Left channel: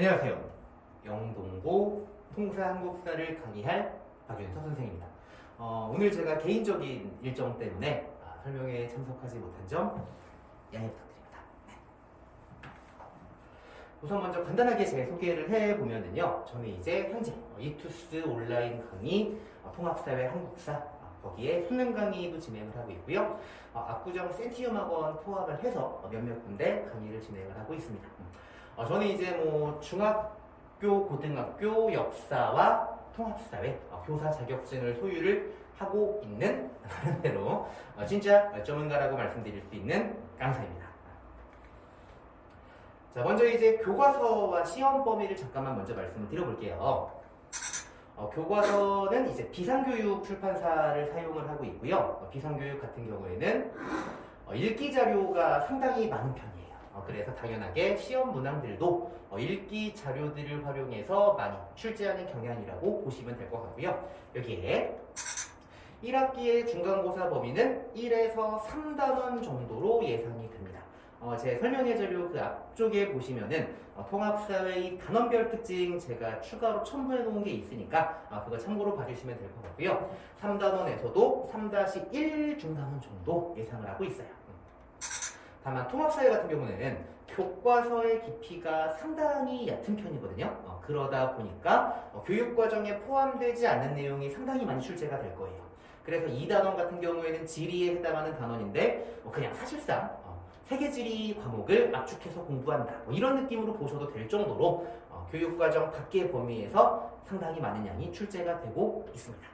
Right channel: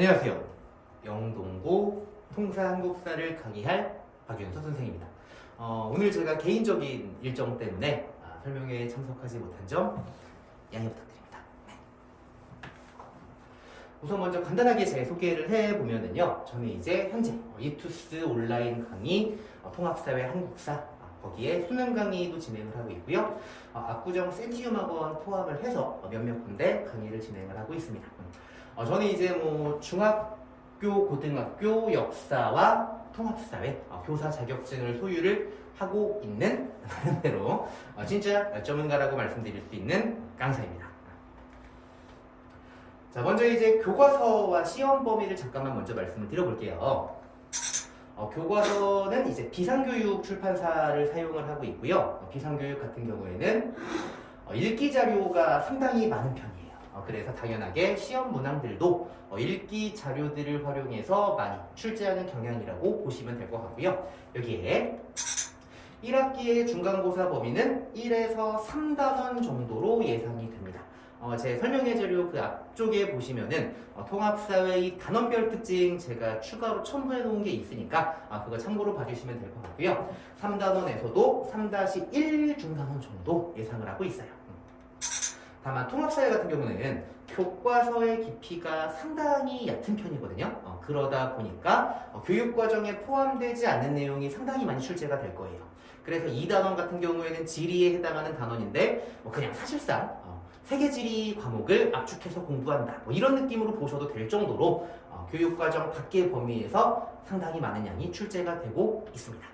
안녕하세요. 영동고 통사 한국사를 강의할 박윤서 선생입니다. 오늘 제가 개인적인 일정 때문에 설명회에 참석하지 못한 점 양해 부탁드립니다. 우선 먼저 간단하게 제 소개를 해보면은요. 저는 이제 현재 이투스 온라인 강의 통합사회 한국사 거기에 수능 강의도 진행을 하고 있고요. 압구정 센티움 학원 포함을 해서 몇몇 군데 강의를 진행을 하고 있습니다. 저는 이제 중학교, 고등학교 역사와 통합사회 교사 자격증을 소유를 하고 있는 나름대로 진짜 전문가라고 말씀드릴 수 있는 강사입니다. 자, 먼저 이제 교과서와 시험 범위를 잠깐만 먼저 말씀을 드려볼게요. 교과서는 이제 비상교육 출판사를 사용을 하고 있고요. 비상교육 같은 경우에는 읽기 자료가 상당히 많은 편이에요. 그래서 당연하게 시험 문항들도 읽기 자료들을 활용해서 많이 출제하는 경향이라고 보시면 될 것 같고요. 여기에 1학기의 중간고사 범위는 1에서 3단원 정도로 예상이 됩니다. 제 설명의 자료 그 앞쪽에 보시면은 통합사회의 단원별 특징 제가 추가로 첨부해 놓은 게 있으니까 그거 참고로 봐주시면 될 것 같고요. 3단원에서도 3-1 중단원 정도 예상을 하고 있어요. 다만 통합사회 같은 경우는 교과서의 깊이가 상당히 얕은 편이거든요. 그러다 보니까 교육과정에 포함되지 않는 내용이 상당히 많이 출제가 될 거예요. 그래서 2단원 같은 경우에는 지리에 해당하는 단원인데 그냥 사실상 세계지리 과목을 압축해서 공부한다 이런 느낌으로 보셔도 될 정도로 교육과정 밖의 범위에서 상당히 많은 양이 출제가 되고 있습니다.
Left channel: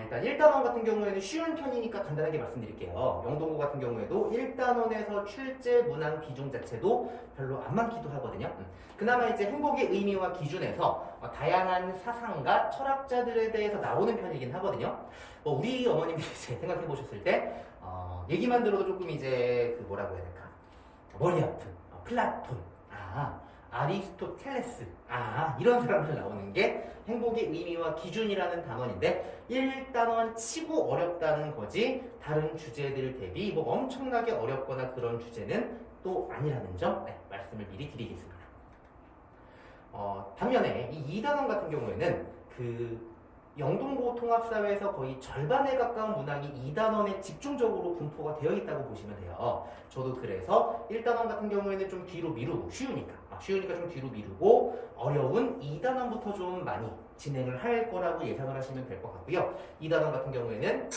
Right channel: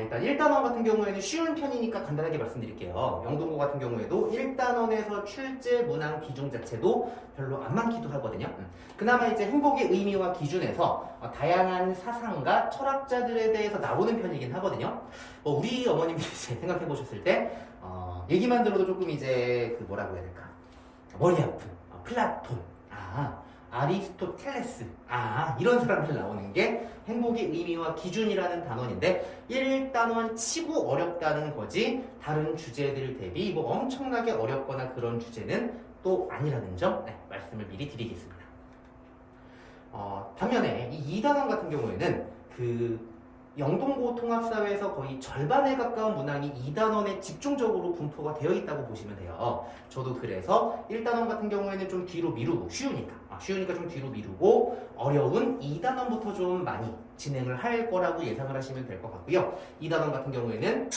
일단 1단원 같은 경우에는 쉬운 편이니까 간단하게 말씀드릴게요. 영동고 같은 경우에도 1단원에서 출제 문항 비중 자체도 별로 안 많기도 하거든요. 그나마 이제 행복의 의미와 기준에서 다양한 사상가, 철학자들에 대해서 나오는 편이긴 하거든요. 우리 어머님이 이제 생각해 보셨을 때 얘기만 들어도 조금 이제 뭐라고 해야 될까? 머리 아픈 플라톤, 아리스토텔레스, 이런 사람들 나오는 게 행복의 의미와 기준이라는 단원인데 1단원 치고 어렵다는 거지 다른 주제들 대비 엄청나게 어렵거나 그런 주제는 또 아니라는 점 말씀을 미리 드리겠습니다. 반면에 이 2단원 같은 경우에는 영동고 통합사회에서 거의 절반에 가까운 문항이 2단원에 집중적으로 분포가 되어 있다고 보시면 돼요. 저도 그래서 1단원 같은 경우에는 좀 뒤로 미루고 쉬우니까 좀 뒤로 미루고 어려운 2단원부터 좀 많이 진행을 할 거라고 예상을 하시면 될 것 같고요. 2단원 같은 경우에는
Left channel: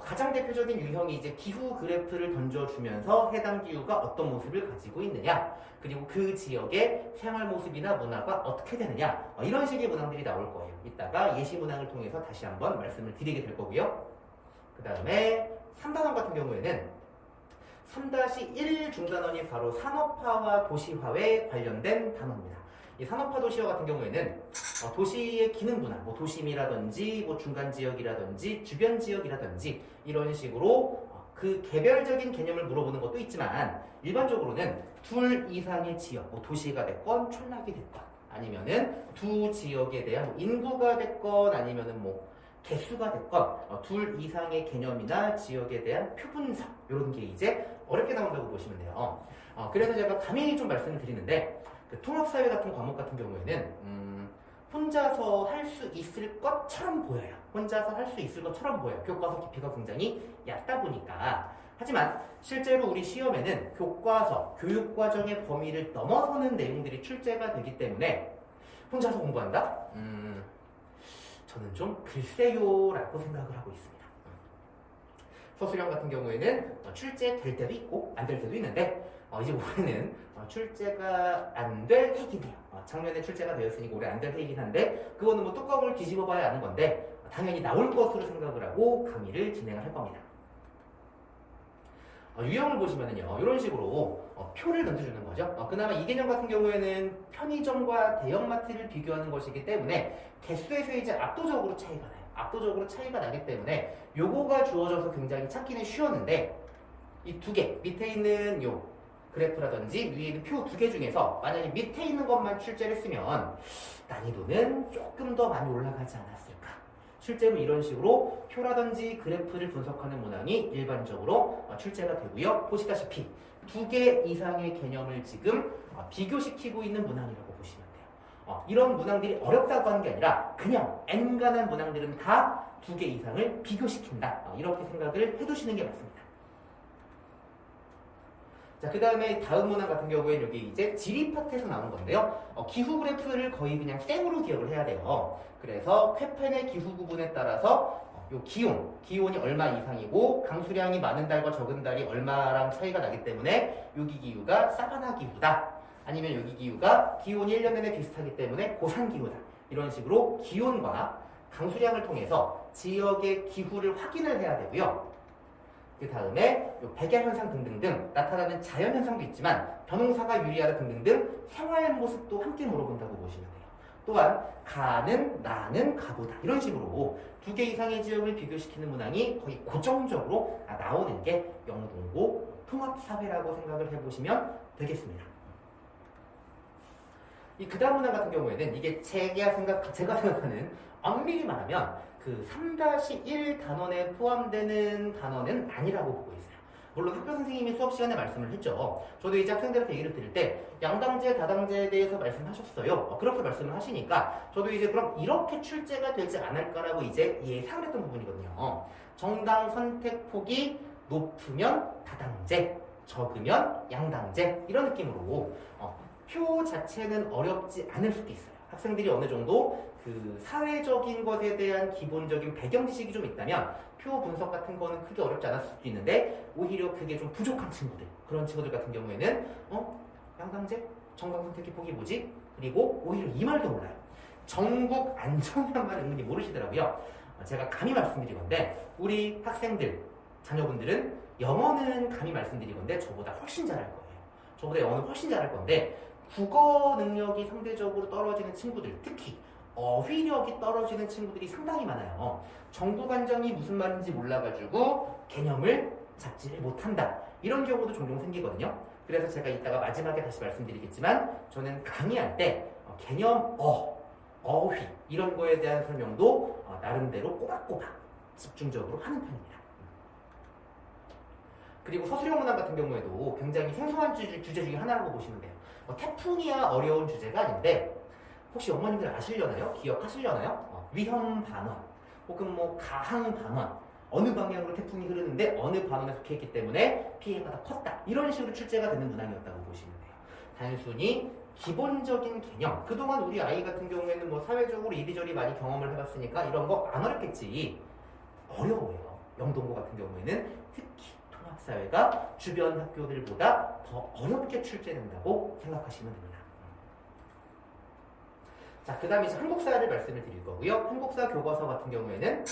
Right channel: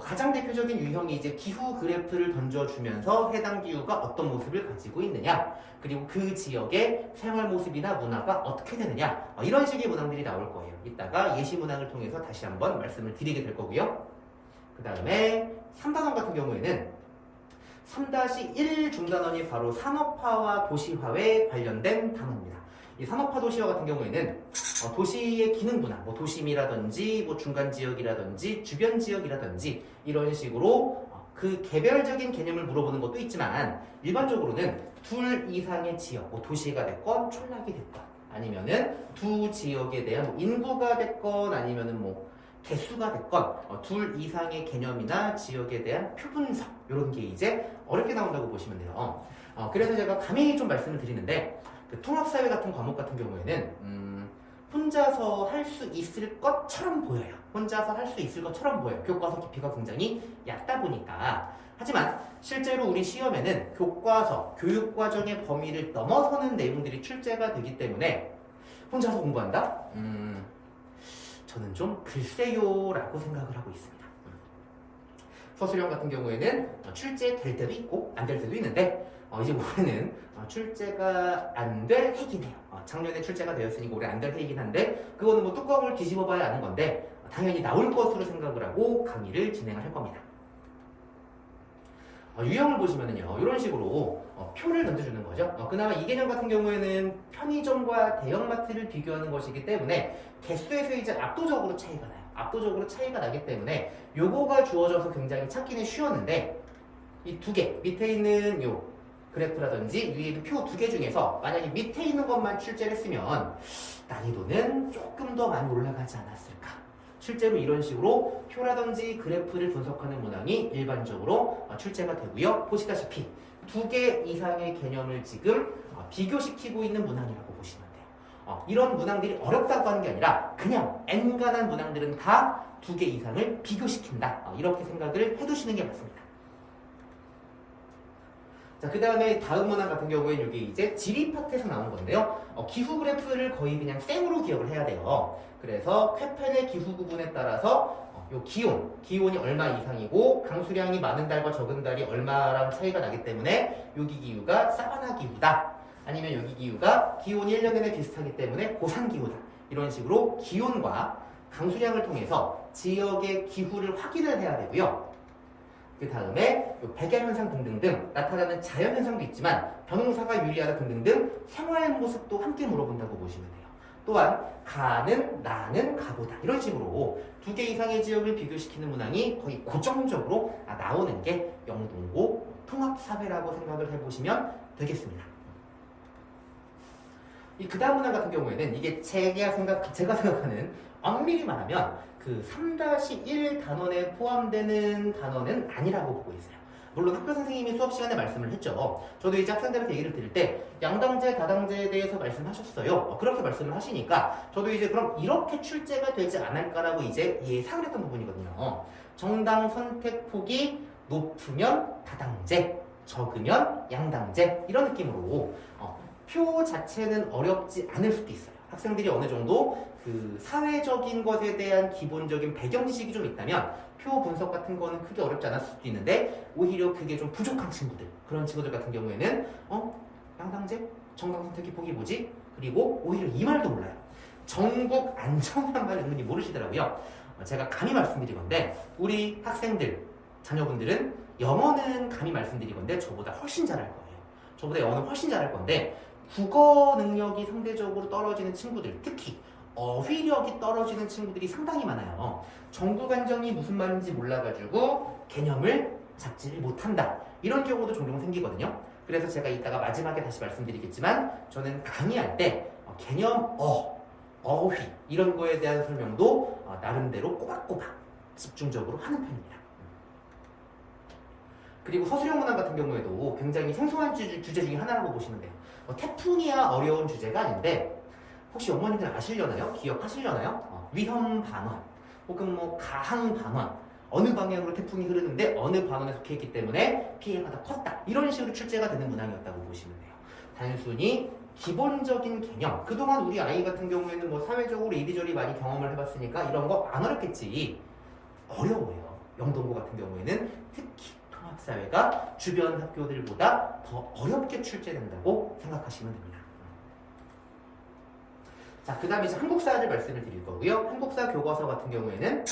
가장 대표적인 유형이 이제 기후 그래프를 던져주면서 해당 기후가 어떤 모습을 가지고 있느냐, 그리고 그 지역의 생활 모습이나 문화가 어떻게 되느냐, 이런 식의 문항들이 나올 거예요. 이따가 예시 문항을 통해서 다시 한번 말씀을 드리게 될 거고요. 그 다음에 3단원 같은 경우에는 3-1 중단원이 바로 산업화와 도시화에 관련된 단원입니다. 이 산업화 도시화 같은 경우에는 도시의 기능 분화, 도심이라든지 중간 지역이라든지 주변 지역이라든지 이런 식으로 그 개별적인 개념을 물어보는 것도 있지만 일반적으로는 둘 이상의 지역, 도시가 됐건 촌락이 됐건 아니면은 두 지역에 대한 인구가 됐건 아니면은 개수가 됐건 둘 이상의 개념이나 지역에 대한 표분석 이런 게 이제 어렵게 나온다고 보시면 돼요. 그래서 제가 감히 좀 말씀을 드리는데 통합사회 같은 과목 같은 경우에는 혼자서 할 수 있을 것처럼 보여요. 혼자서 할 수 있을 것처럼 보여요. 교과서 깊이가 굉장히 얕다 보니까. 하지만 실제로 우리 시험에는 교과서, 교육과정의 범위를 넘어서는 내용들이 출제가 되기 때문에 혼자서 공부한다? 저는 좀 글쎄요라고 생각을 하고 있습니다. 서술형 같은 경우에는 출제될 때도 있고 안 될 때도 있는데 이제 올해는 출제가 안 될 해이긴 해요. 작년에 출제가 되었으니까 올해 안 될 해이긴 한데 그거는 뚜껑을 뒤집어 봐야 아는 건데 당연히 나올 것으로 생각을 하고 강의를 진행을 할 겁니다. 유형을 보시면은요 이런 식으로 표를 던져주는 거죠. 그나마 이 개념 같은 경우에는 편의점과 대형마트를 비교하는 것이기 때문에 개수에서 이제 압도적으로 차이가 나요. 압도적으로 차이가 나기 때문에 요거가 주어져서 굉장히 찾기는 쉬웠는데 이 두 개 밑에 있는 요 그래프라든지 위에 있는 표 두 개 중에서 만약에 밑에 있는 것만 출제를 했으면 난이도는 조금 더 많이 올라가지 않았을까. 실제로 이런 식으로 표라든지 그래프를 분석하는 문항이 일반적으로 출제가 되고요. 보시다시피 두 개 이상의 개념을 지금 비교시키고 있는 문항이라고 보시면 돼요. 이런 문항들이 어렵다고 하는 게 아니라 그냥 N간한 문항들은 다 두 개 이상을 비교시킨다. 이렇게 생각을 해두시는 게 맞습니다. 자, 그 다음에 다음 문항 같은 경우에는 여기 이제 지리 파트에서 나온 건데요. 기후 그래프를 거의 그냥 생으로 기억을 해야 돼요. 그래서 쾌펜의 기후 구분에 따라서 요 기온이 얼마 이상이고 강수량이 많은 달과 적은 달이 얼마랑 차이가 나기 때문에 여기 기후가 사바나 기후다. 아니면 여기 기후가 기온이 1년 내내 비슷하기 때문에 고산 기후다. 이런 식으로 기온과 강수량을 통해서 지역의 기후를 확인을 해야 되고요. 그 다음에 백야 현상 등등등 나타나는 자연 현상도 있지만 변홍사가 유리하다 등등등 생활 모습도 함께 물어본다고 보시면 돼요. 또한 가는 나는 가보다 이런 식으로 두 개 이상의 지역을 비교시키는 문항이 거의 고정적으로 나오는 게 영동고 통합사회라고 생각을 해보시면 되겠습니다. 이 그 다음 문항 같은 경우에는 이게 제가 생각하는 엄밀히 말하면 그 3-1 단원에 포함되는 단원은 아니라고 보고 있어요. 물론 학교 선생님이 수업 시간에 말씀을 했죠. 저도 이제 학생들한테 얘기를 드릴 때 양당제, 다당제에 대해서 말씀하셨어요. 그렇게 말씀을 하시니까 저도 이제 그럼 이렇게 출제가 되지 않을까라고 이제 예상을 했던 부분이거든요. 정당 선택폭이 높으면 다당제, 적으면 양당제 이런 느낌으로 표 자체는 어렵지 않을 수도 있어요. 학생들이 어느 정도 그 사회적인 것에 대한 기본적인 배경 지식이 좀 있다면 표 분석 같은 거는 크게 어렵지 않았을 수도 있는데 오히려 그게 좀 부족한 친구들 그런 친구들 같은 경우에는 양당제? 정당 선택의 폭이 뭐지? 그리고 오히려 이 말도 몰라요. 전국 안정이란 말을 은근히 모르시더라고요. 제가 감히 말씀드리건데 우리 학생들, 자녀분들은 영어는 감히 말씀드리건데 저보다 훨씬 잘할 거예요. 저보다 영어는 훨씬 잘할 건데 국어 능력이 상대적으로 떨어지는 친구들, 특히 어휘력이 떨어지는 친구들이 상당히 많아요. 정국 안정이 무슨 말인지 몰라가지고 개념을 잡지를 못한다. 이런 경우도 종종 생기거든요. 그래서 제가 이따가 마지막에 다시 말씀드리겠지만 저는 강의할 때 개념 어휘 이런 거에 대한 설명도 나름대로 꼬박꼬박 집중적으로 하는 편입니다. 그리고 서술형 문항 같은 경우에도 굉장히 생소한 주제 중에 하나라고 보시면 돼요. 태풍이야 어려운 주제가 아닌데 혹시 어머님들 아시려나요? 기억하시려나요? 위험 반원 혹은 뭐 가항 반원 어느 방향으로 태풍이 흐르는데 어느 반원에 속해 있기 때문에 피해가 더 컸다. 이런 식으로 출제가 되는 문항이었다고 보시면 돼요. 단순히 기본적인 개념 그동안 우리 아이 같은 경우에는 뭐 사회적으로 이리저리 많이 경험을 해봤으니까 이런 거 안 어렵겠지. 어려워요. 영동고 같은 경우에는 특히 통합사회가 주변 학교들보다 더 어렵게 출제된다고 생각하시면 됩니다. 자, 그 다음에 이제 한국사를 말씀을 드릴 거고요. 한국사 교과서 같은 경우에는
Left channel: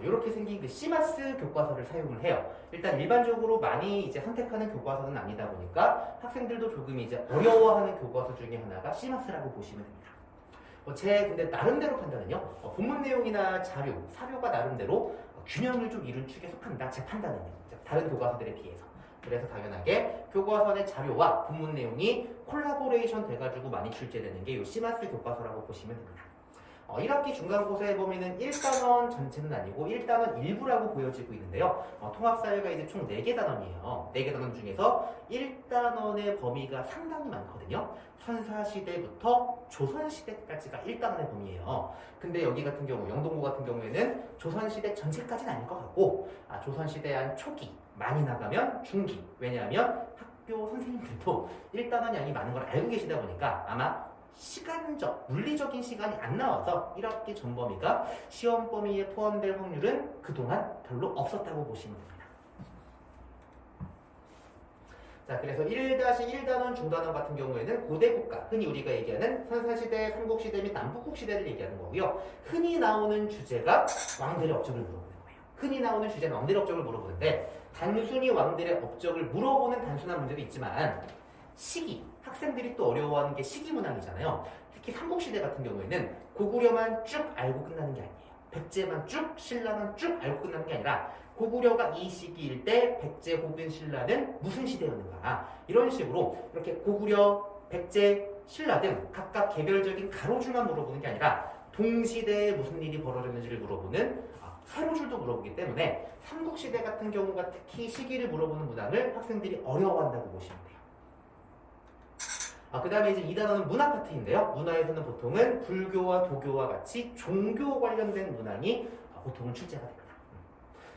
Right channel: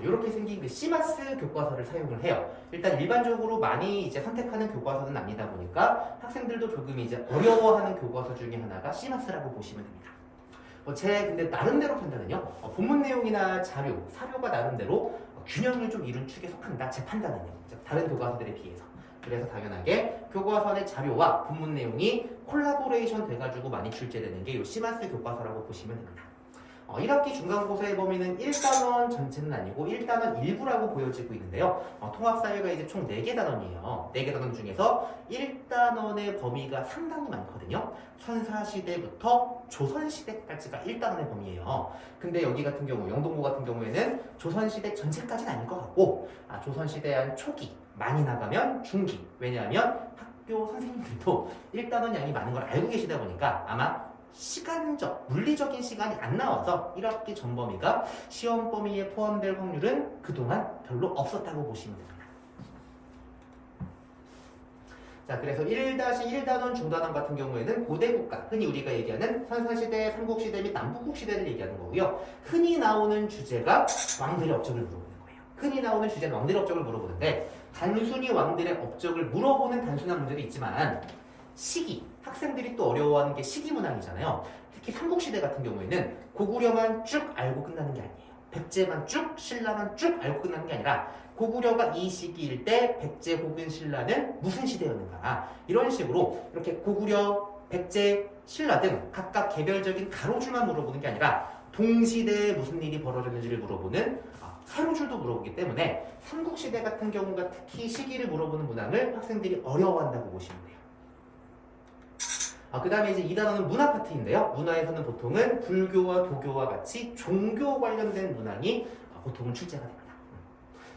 이렇게 생긴 그 시마스 교과서를 사용을 해요. 일단 일반적으로 많이 이제 선택하는 교과서는 아니다 보니까 학생들도 조금 이제 어려워하는 교과서 중에 하나가 시마스라고 보시면 됩니다. 제 근데 나름대로 판단은요. 본문 내용이나 자료, 사료가 나름대로 균형을 좀 이룬 축에 속한다. 제 판단은요. 다른 교과서들에 비해서. 그래서 당연하게 교과서 내 자료와 본문 내용이 콜라보레이션 돼가지고 많이 출제되는 게 이 시마스 교과서라고 보시면 됩니다. 1학기 중간고사의 범위는 1단원 전체는 아니고 1단원 일부라고 보여지고 있는데요. 통합사회가 이제 총 4개 단원이에요. 4개 단원 중에서 1단원의 범위가 상당히 많거든요. 선사시대부터 조선시대까지가 1단원의 범위예요. 근데 여기 같은 경우, 영동고 같은 경우에는 조선시대 전체까지는 아닐 것 같고 조선시대 한 초기, 많이 나가면 중기. 왜냐하면 학교 선생님들도 1단원 양이 많은 걸 알고 계시다 보니까 아마 시간적, 물리적인 시간이 안 나와서 1학기 전범위가 시험 범위에 포함될 확률은 그동안 별로 없었다고 보시면 됩니다. 자, 그래서 1-1단원 중단원 같은 경우에는 고대국가, 흔히 우리가 얘기하는 선사시대, 삼국시대 및 남북국시대를 얘기하는 거고요. 흔히 나오는 주제가 왕들의 업적을 물어보는 거예요. 흔히 나오는 주제는 왕들의 업적을 물어보는데 단순히 왕들의 업적을 물어보는 단순한 문제도 있지만 시기, 학생들이 또 어려워하는 게 시기 문항이잖아요. 특히 삼국시대 같은 경우에는 고구려만 쭉 알고 끝나는 게 아니에요. 백제만 쭉, 신라만 쭉 알고 끝나는 게 아니라 고구려가 이 시기일 때 백제 혹은 신라는 무슨 시대였는가 이런 식으로 이렇게 고구려, 백제, 신라 등 각각 개별적인 가로줄만 물어보는 게 아니라 동시대에 무슨 일이 벌어졌는지를 물어보는 사료줄도 물어보기 때문에 삼국시대 같은 경우가 특히 시기를 물어보는 문항을 학생들이 어려워한다고 보시면 돼요. 그 다음에 이제 2단원은 문화 파트인데요. 문화에서는 보통은 불교와 도교와 같이 종교 관련된 문항이 보통은 출제가 됩니다.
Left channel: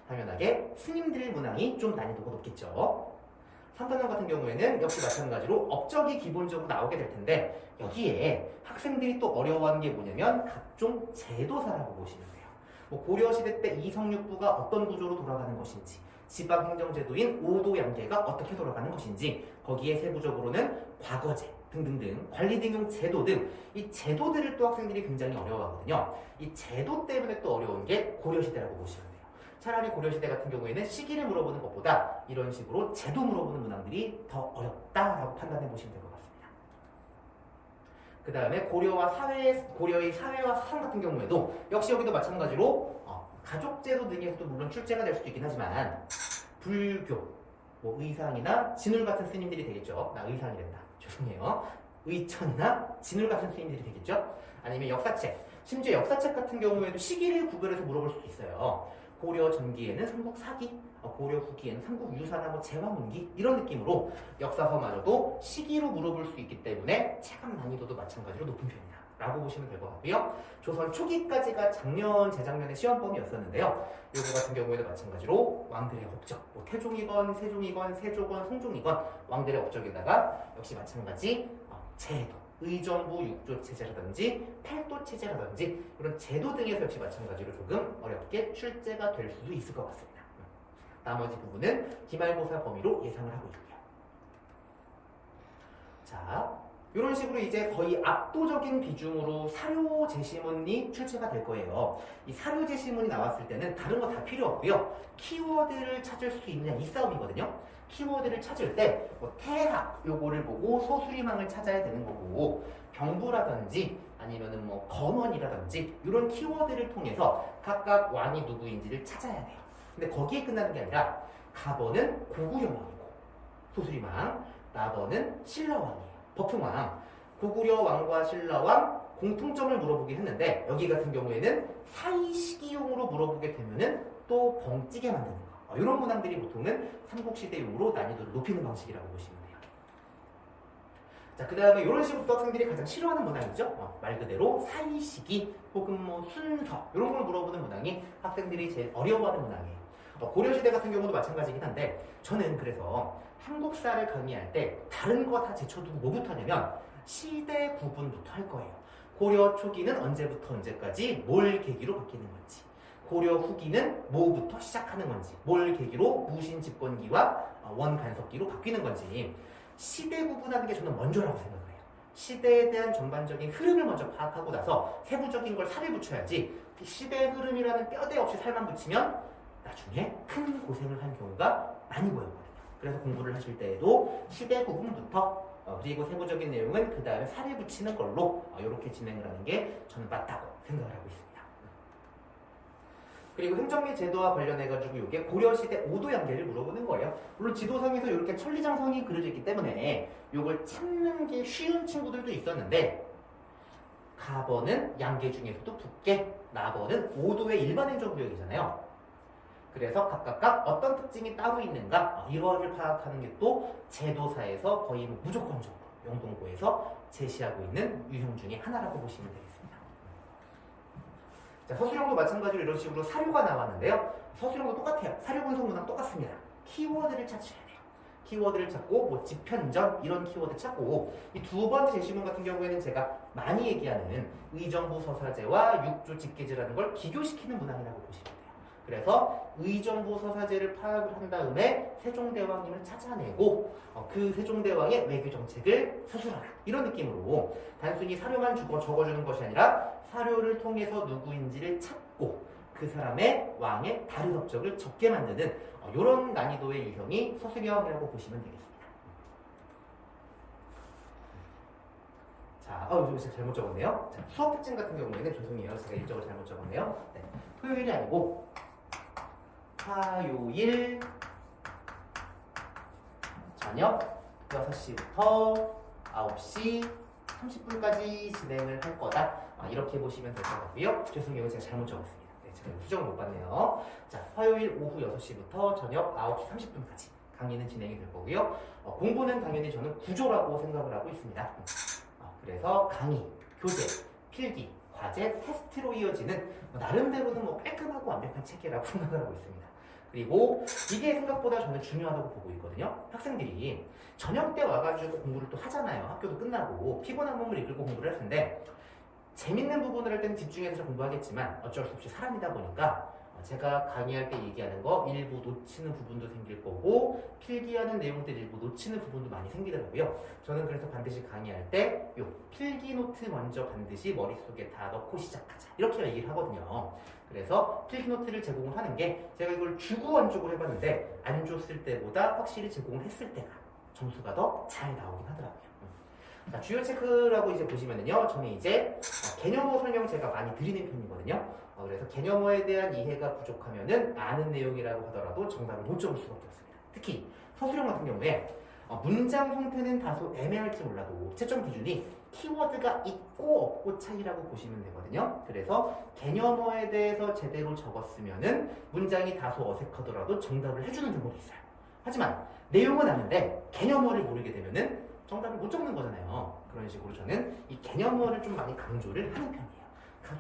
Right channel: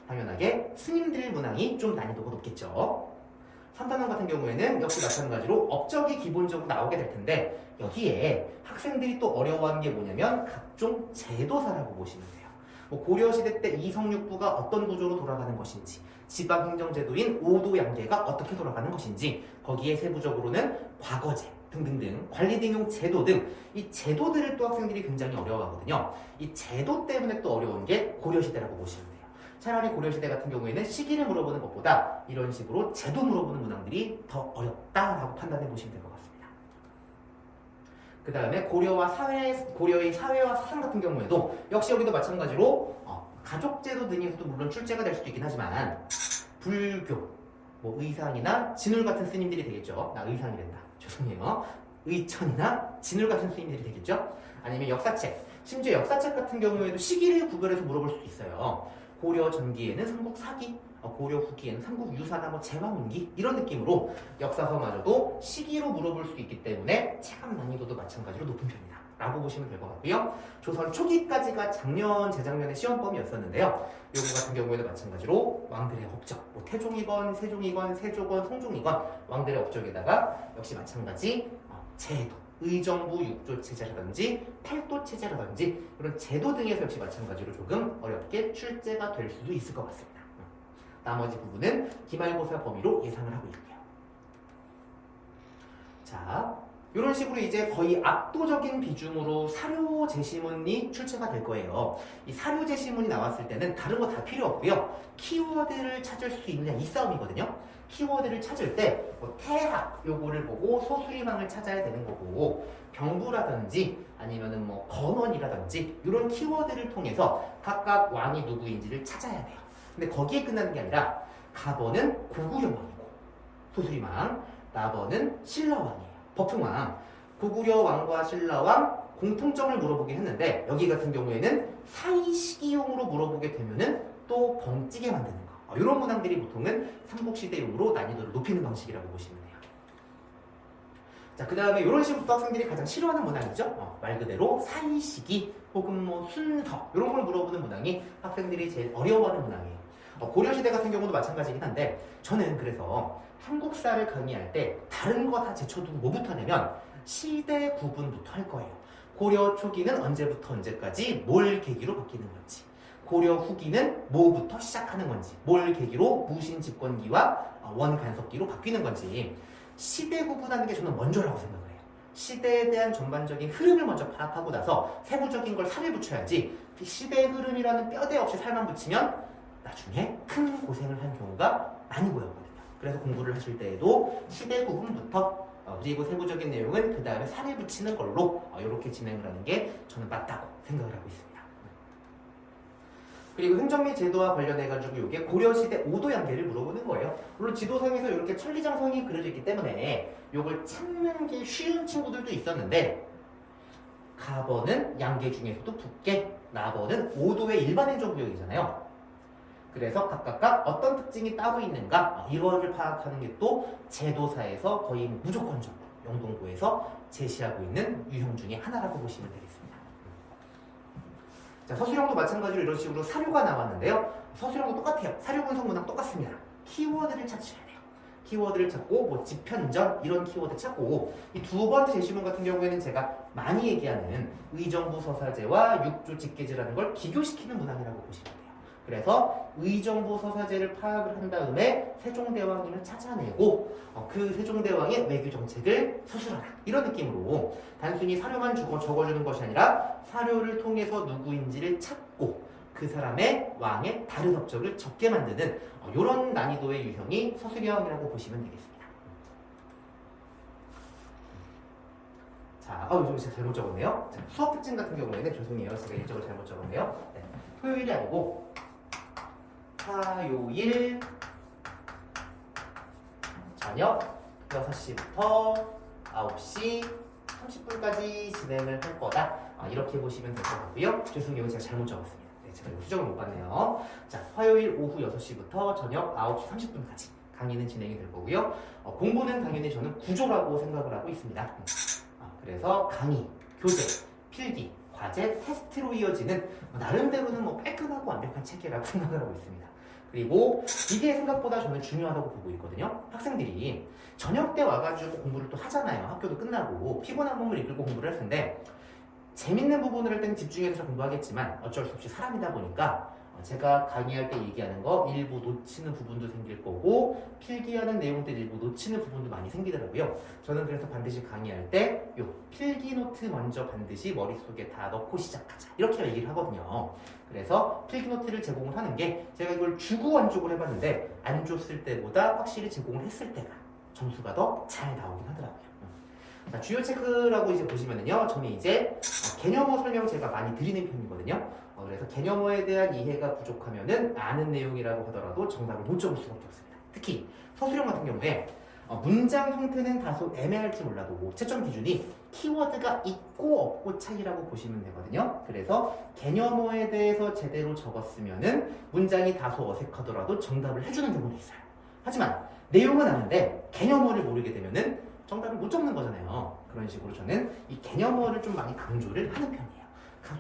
당연하게 스님들 문항이 좀 난이도가 높겠죠. 3단원 같은 경우에는 역시 마찬가지로 업적이 기본적으로 나오게 될 텐데 여기에 학생들이 또 어려워하는 게 뭐냐면 각종 제도사라고 보시면 돼요. 뭐 고려시대 때 이성육부가 어떤 구조로 돌아가는 것인지, 지방행정제도인 오도양계가 어떻게 돌아가는 것인지, 거기에 세부적으로는 과거제 등등등 관리 등용 제도 등 이 제도들을 또 학생들이 굉장히 어려워하거든요. 이 제도 때문에 또 어려운 게 고려시대라고 보시면 돼요. 차라리 고려시대 같은 경우에는 시기를 물어보는 것보다 이런 식으로 제도 물어보는 문항들이 더 어렵다라고 판단해 보시면 될 것 같습니다. 그 다음에 고려의 사회와 사상 같은 경우에도 역시 여기도 마찬가지로 가족제도 등에서도 물론 출제가 될 수도 있긴 하지만 불교, 뭐 의상이나 진울 같은 스님들이 되겠죠. 나 의상이란다. 죄송해요. 의천이나 진울 같은 스님들이 되겠죠. 아니면 역사책, 심지어 역사책 같은 경우에도 시기를 구별해서 물어볼 수도 있어요. 고려 전기에는 삼국사기, 고려 후기에는 삼국유사나 뭐 제왕운기 이런 느낌으로 역사서마저도 시기로 물어볼 수 있기 때문에 체감 난이도도 마찬가지로 높은 편이다 라고 보시면 될 것 같고요. 조선 초기까지가 작년, 재작년의 시험범위였었는데요. 요거 같은 경우에도 마찬가지로 왕들의 업적, 뭐 태종이건 세종이건 세조건 성종이건 왕들의 업적에다가 역시 마찬가지 제도, 의정부 6조 체제라든지 8도 체제라든지 이런 제도 등에서 역시 마찬가지로 조금 어렵게 출제가 될 수도 있을 것 같습니다. 나머지 부분은 기말고사 범위로 예상을 하고 있고요. 자, 이런 식으로 이제 거의 압도적인 비중으로 사료 제시문이 출제가 될 거예요. 이 사료 제시문이 나왔을 때는 다른 거 다 필요 없고요. 키워드를 찾을 수 있느냐 이 싸움이거든요. 키워드를 찾을 때 뭐 태학 요거를 보고 소수리망을 찾아야 되는 거고 경부라든지 아니면은 뭐 건원이라든지 이런 키워드를 통해서 각각 왕이 누구인지를 찾아야 돼요. 근데 거기에 끝나는 게 아니라 가번은 고구려왕이고 소수리망, 나번은 신라왕이에요. 버풍왕, 고구려 왕과 신라왕 공통점을 물어보긴 했는데 여기 같은 경우에는 사이시기용으로 물어보게 되면은 또 벙찌게 만드는 거. 이런 문항들이 보통은 삼국시대용으로 난이도를 높이는 방식이라고 보시면 돼요. 자, 그 다음에 이런 식으로 또 학생들이 가장 싫어하는 문항이죠. 말 그대로 사이시기 혹은 뭐 순서 이런 걸 물어보는 문항이 학생들이 제일 어려워하는 문항이에요. 고려시대 같은 경우도 마찬가지긴 한데 저는 그래서 한국사를 강의할 때 다른 거 다 제쳐두고 뭐부터 하냐면 시대 구분부터 할 거예요. 고려 초기는 언제부터 언제까지 뭘 계기로 바뀌는 건지, 고려 후기는 뭐부터 시작하는 건지, 뭘 계기로 무신 집권기와 원간섭기로 바뀌는 건지 시대 구분하는 게 저는 먼저라고 생각을 해요. 시대에 대한 전반적인 흐름을 먼저 파악하고 나서 세부적인 걸 살을 붙여야지 시대의 흐름이라는 뼈대 없이 살만 붙이면 나중에 큰 고생을 한 경우가 많이 보였거든요. 그래서 공부를 하실 때에도 시대 구분부터 그리고 세부적인 내용은 그 다음에 살을 붙이는 걸로 이렇게 진행을 하는 게 저는 맞다고 생각을 하고 있습니다. 그리고 행정리 제도와 관련해가지고 이게 고려시대 오도양계를 물어보는 거예요. 물론 지도상에서 이렇게 천리장성이 그려져 있기 때문에 이걸 찾는 게 쉬운 친구들도 있었는데 가번은 양계 중에서도 북계, 나번은 오도의 일반 행정구역이잖아요. 그래서 각각 어떤 특징이 따로 있는가 이거를 파악하는 게 또 제도사에서 거의 무조건적으로 영동고에서 제시하고 있는 유형 중에 하나라고 보시면 되겠습니다. 자, 서술형도 마찬가지로 이런 식으로 사료가 나왔는데요. 서술형도 똑같아요. 사료 분석 문항 똑같습니다. 키워드를 찾으셔야 돼요. 키워드를 찾고 뭐 집현전 이런 키워드 찾고 이 두 번째 제시문 같은 경우에는 제가 많이 얘기하는 의정부 서사제와 육조 직계제라는 걸 기교시키는 문항이라고 보시면 돼요. 그래서 의정부 서사제를 파악을 한 다음에 세종대왕님을 찾아내고 그 세종대왕의 외교 정책을 서술하라 이런 느낌으로 단순히 사료만 적어주는 것이 아니라 사료를 통해서 누구인지를 찾고 그 사람의 왕의 다른 업적을 적게 만드는 이런 난이도의 유형이 서술형이라고 보시면 되겠습니다. 자, 이거 제가 잘못 적었네요. 자, 수업 특징 같은 경우에는 죄송해요. 제가 일정을 잘못 적었네요. 네, 토요일이 아니고 화요일 저녁 6시부터 9시 30분까지 진행을 할 거다. 이렇게 보시면 될 것 같고요. 죄송해요. 제가 잘못 적었습니다. 네, 제가 이거 수정을 못 봤네요. 자, 화요일 오후 6시부터 저녁 9시 30분까지 강의는 진행이 될 거고요. 공부는 당연히 저는 구조라고 생각을 하고 있습니다. 그래서 강의, 교재, 필기, 과제, 테스트로 이어지는 나름대로는 뭐 깔끔하고 완벽한 체계라고 생각을 하고 있습니다. 그리고 이게 생각보다 저는 중요하다고 보고 있거든요. 학생들이 저녁 때 와가지고 공부를 또 하잖아요. 학교도 끝나고 피곤한 몸을 이끌고 공부를 할 텐데 재밌는 부분을 할 때는 집중해서 공부하겠지만 어쩔 수 없이 사람이다 보니까 제가 강의할 때 얘기하는 거 일부 놓치는 부분도 생길 거고 필기하는 내용들 일부 놓치는 부분도 많이 생기더라고요. 저는 그래서 반드시 강의할 때 요 필기 노트 먼저 반드시 머릿속에 다 넣고 시작하자 이렇게 얘기를 하거든요. 그래서 필기 노트를 제공을 하는 게 제가 이걸 주고 원쪽을 해봤는데 안 줬을 때보다 확실히 제공을 했을 때가 점수가 더 잘 나오긴 하더라고요. 자, 주요 체크라고 이제 보시면은요, 저는 이제 개념어 설명 제가 많이 드리는 편이거든요. 그래서 개념어에 대한 이해가 부족하면은 아는 내용이라고 하더라도 정답을 못 적을 수밖에 없습니다. 특히 서술형 같은 경우에 문장 형태는 다소 애매할지 몰라도 채점 기준이 키워드가 있고 없고 차이라고 보시면 되거든요. 그래서 개념어에 대해서 제대로 적었으면은 문장이 다소 어색하더라도 정답을 해주는 경우도 있어요. 하지만 내용은 아는데 개념어를 모르게 되면은 정답을 못 적는 거잖아요. 그런 식으로 저는 이 개념어를 좀 많이 강조를 하는 편이에요.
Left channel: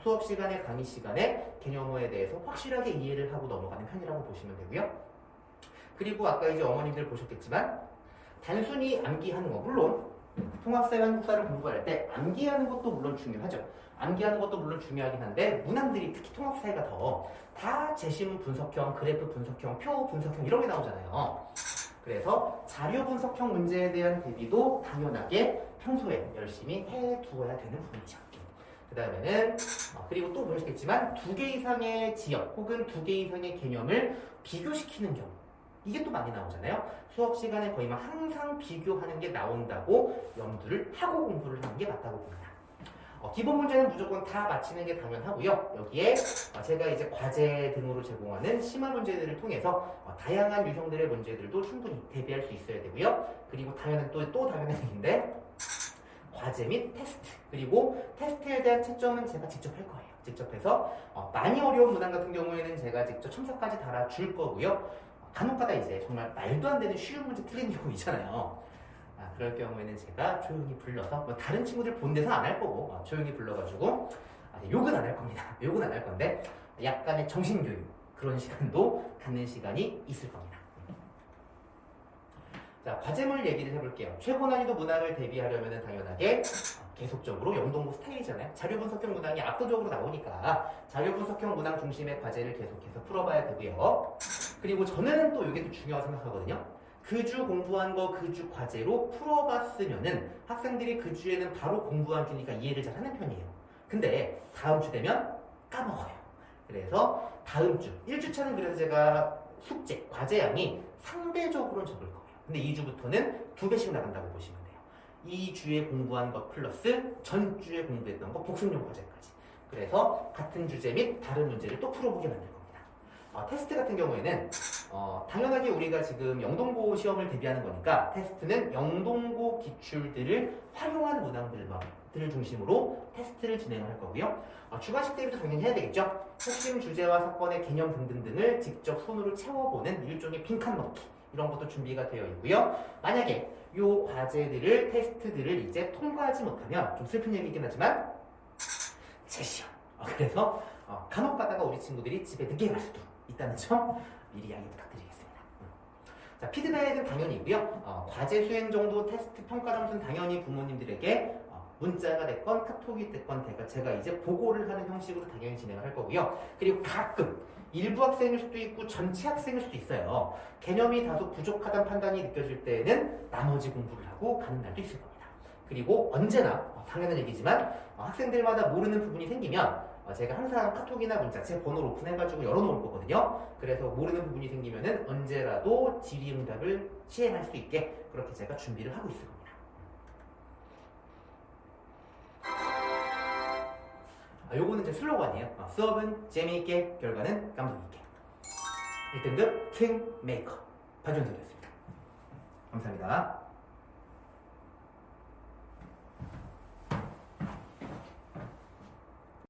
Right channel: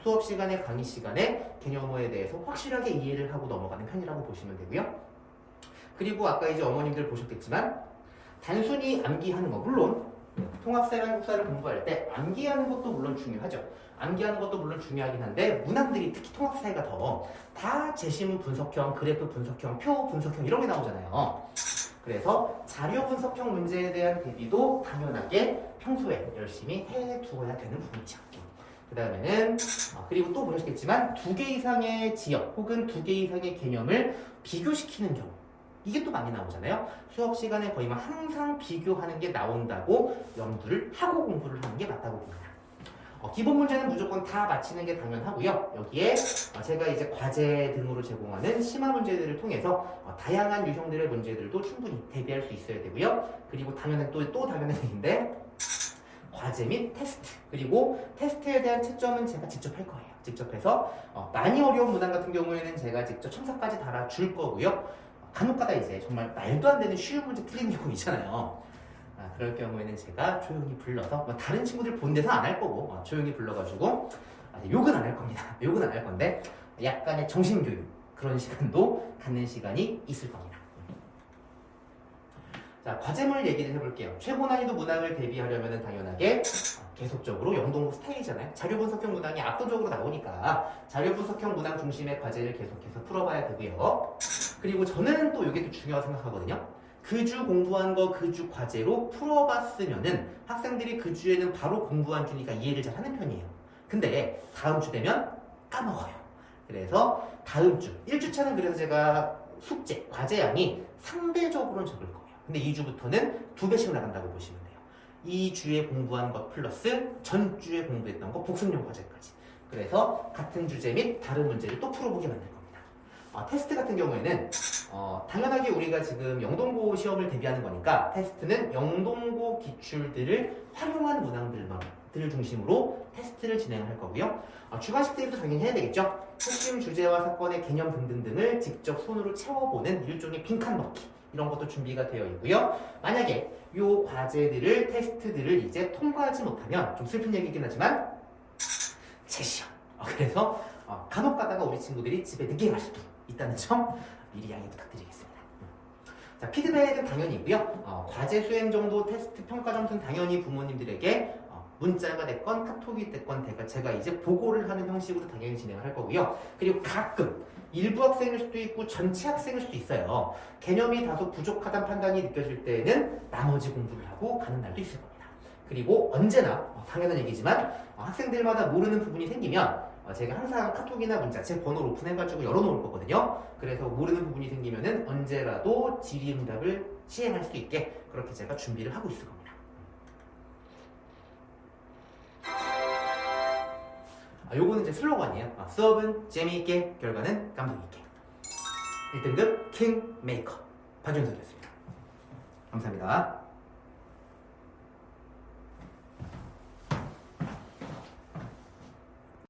수업 시간에 강의 시간에 개념어에 대해서 확실하게 이해를 하고 넘어가는 편이라고 보시면 되고요. 그리고 아까 이제 어머님들 보셨겠지만 단순히 암기하는 거 물론 통합사회 한국사를 공부할 때 암기하는 것도 물론 중요하죠. 암기하는 것도 물론 중요하긴 한데 문항들이 특히 통합사회가 더 다 제시문 분석형, 그래프 분석형, 표 분석형 이런 게 나오잖아요. 그래서 자료 분석형 문제에 대한 대비도 당연하게 평소에 열심히 해두어야 되는 부분이죠. 그 다음에는 그리고 또 보셨겠지만 2개 이상의 지역 혹은 2개 이상의 개념을 비교시키는 경우 이게 또 많이 나오잖아요. 수업 시간에 거의 막 항상 비교하는 게 나온다고 염두를 하고 공부를 하는 게 맞다고 봅니다. 기본 문제는 무조건 다 맞히는 게 당연하고요. 여기에 제가 이제 과제 등으로 제공하는 심화 문제들을 통해서 다양한 유형들의 문제들도 충분히 대비할 수 있어야 되고요. 그리고 당연한 또 당연한 얘기인데 과제 및 테스트 그리고 테스트에 대한 채점은 제가 직접 할 거예요. 직접 해서 많이 어려운 문항 같은 경우에는 제가 직접 첨삭까지 달아줄 거고요. 간혹가다 이제 정말 말도 안 되는 쉬운 문제 틀리는 경우 있잖아요. 그럴 경우에는 제가 조용히 불러서 뭐 다른 친구들 본 데서 안 할 거고 조용히 불러가지고 욕은 안 할 겁니다. 욕은 안 할 건데 약간의 정신교육 그런 시간도 갖는 시간이 있을 겁니다. 자, 과제물 얘기를 해볼게요. 최고 난이도 문항을 대비하려면 당연하게 계속적으로 영동고 스타일이잖아요. 자료 분석형 문항이 압도적으로 나오니까 자료 분석형 문항 중심의 과제를 계속해서 풀어봐야 되고요. 그리고 저는 또 이게 또 중요하다고 생각하거든요. 그 주 공부한 거 그 주 과제로 풀어봤으면은 학생들이 그 주에는 바로 공부한 주니까 이해를 잘 하는 편이에요. 근데 다음 주 되면 까먹어요. 그래서 다음 주 1주차는 그래서 제가 숙제, 과제 양이 상대적으로는 적을 거예요. 근데 2주부터는 2배씩 나간다고 보시면 돼요. 2주에 공부한 것 플러스 전주에 공부했던 거 복습용 과제까지. 그래서 같은 주제 및 다른 문제를 또 풀어보게 만들 겁니다. 테스트 같은 경우에는 당연하게 우리가 지금 영동고 시험을 대비하는 거니까 테스트는 영동고 기출들을 활용한 문항들을 중심으로 테스트를 진행할 거고요. 주관식 대비도 당연히 해야 되겠죠. 핵심 주제와 사건의 개념 등등등을 직접 손으로 채워보는 일종의 빈칸 넣기 이런 것도 준비가 되어 있고요. 만약에 이 과제들을 테스트들을 이제 통과하지 못하면 좀 슬픈 얘기긴 하지만 재시험. 그래서 간혹 가다가 우리 친구들이 집에 늦게 갈 수도 있다는 점 미리 양해 부탁드리겠습니다. 자, 피드백은 당연히 있고요. 과제 수행 정도 테스트 평가 점수는 당연히 부모님들에게 문자가 됐건 카톡이 됐건 제가 이제 보고를 하는 형식으로 당연히 진행을 할 거고요. 그리고 가끔 일부 학생일 수도 있고 전체 학생일 수도 있어요. 개념이 다소 부족하다는 판단이 느껴질 때에는 나머지 공부를 하고 가는 날도 있을 겁니다. 그리고 언제나 당연한 얘기지만 학생들마다 모르는 부분이 생기면 제가 항상 카톡이나 문자 제 번호를 오픈해가지고 열어놓을 거거든요. 그래서 모르는 부분이 생기면은 언제라도 질의응답을 시행할 수 있게 그렇게 제가 준비를 하고 있을 겁니다. 요거는 이제 슬로건이에요. 수업은 재미있게, 결과는 감동 있게. 1등급 킹메이커 박준석이었습니다. 감사합니다.